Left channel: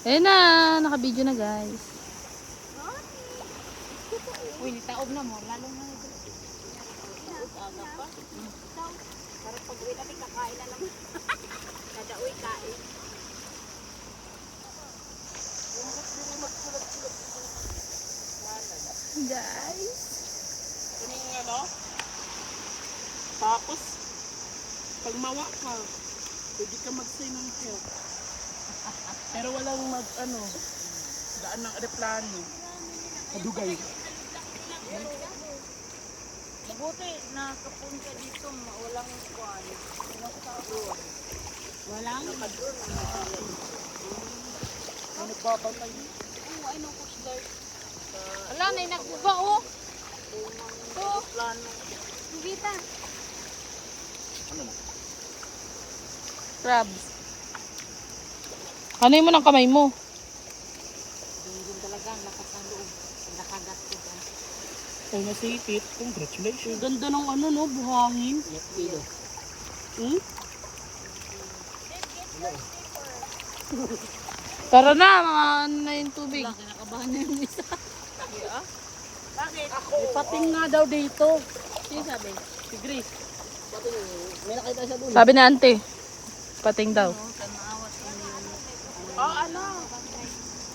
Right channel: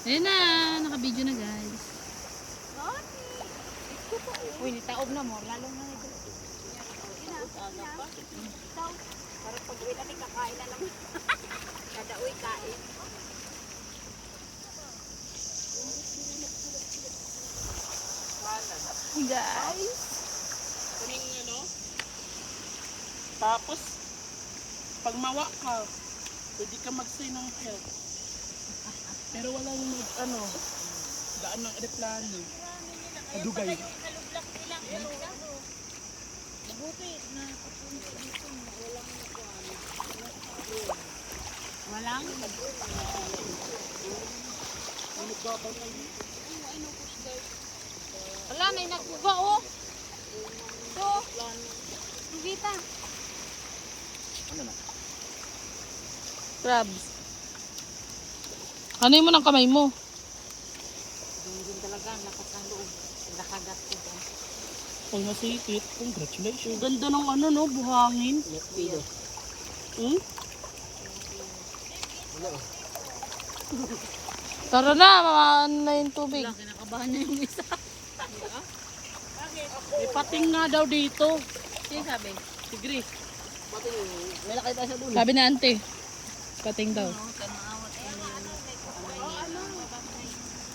Ayun na, naka-video na guys. Uy, nitaob na mo. Lalong na ito. Para pag-uwi natin, kakain na naman. Kada uwi, kain. Guys. Kunin nga, no? Tapos, pag mawa ka, pwede ka mag-stay ng help. Pero walang daan ng aeroplano. Madugay. Mabuti na kapunta dito, walang kuwan. Walang? May nagbabantay. Ay, no, Coast Guard. Ala, may nakuba, oh. Oh, hindi ta. Crabs. Ano mo ng kamay mo? Dungin talaga, lakas ng loob. Nakagat ko dyan. Kung nasipit, congratulations. Ganda ng no, buhangin. Tara na, mga ano na yung tubig. Wala, kinakabahan niya yung isa. May pating nga daw dito. Sino sabi? Si Grace. Pating, may nakita siya doon. Sabi na ante, pating daw. Tamaawat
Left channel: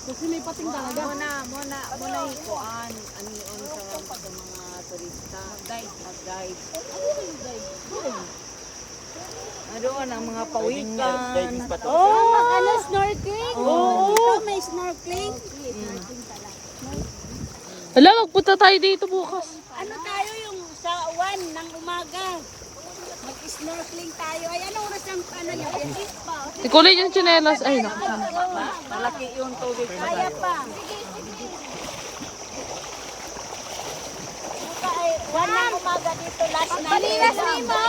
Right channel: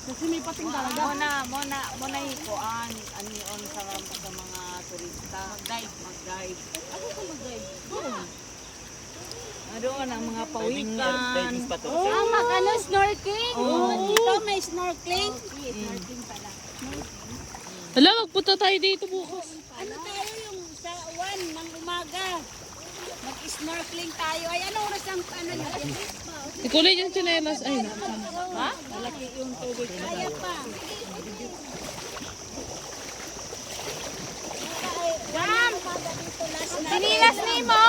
Kasi may pating talaga. Muna ikuan. Ano yun sa mga turista. Mag-dive. Doon ang mga pawikan. Ano, snorkeling? Oh. Dito may snorkeling. Snorkeling pala. Hala, magpunta tayo dito bukas. Ano tayo yung sa 1 ng umaga? Mag-snorkeling tayo. Ay, ano oras ang ano nyo? Ikulay yung tsinelas. Ay, naku. Malaki yung tubig. Kaya pa. Wala ng umaga dito last night. Sinilas ni mo?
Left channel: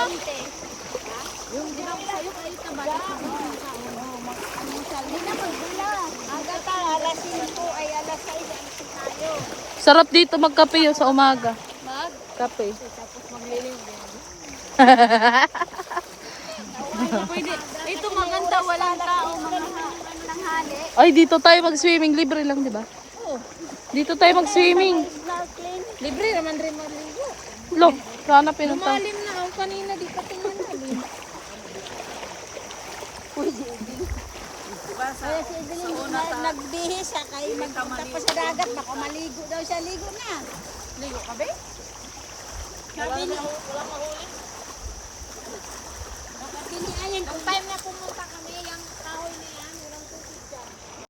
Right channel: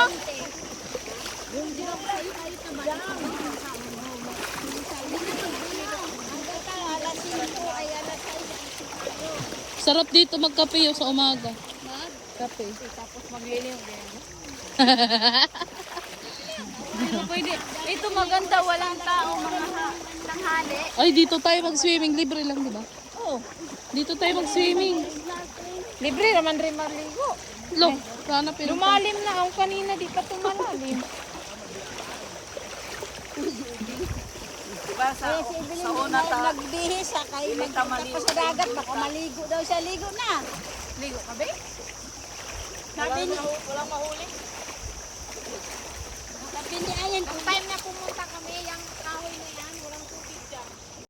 Yung ginawa ko sa'yo kahit na bala. Hindi na magbula. Aga pa, alas 5 ay alas 6 tayo. Sarap dito magkape yun sa umaga. Kape. Tapos magliliw din. Pwede. Ito maganda, walang tao, mga tanghali. Ay, dito tayo mag-swimming. Libre lang, di ba? Dito tayo mag-swimming. Libre naman rin maligo. Lo, sana pinunta. Lumalim na ang kanina, di pa tumalalim. Diba sa una Nagbihis ka kayo magpunta sa dagat. Baka maligo daw siya. Ligo na. ligo ka ba? Sabi ni Walang mahuli. Ayan, Ang time na pumunta kami, yung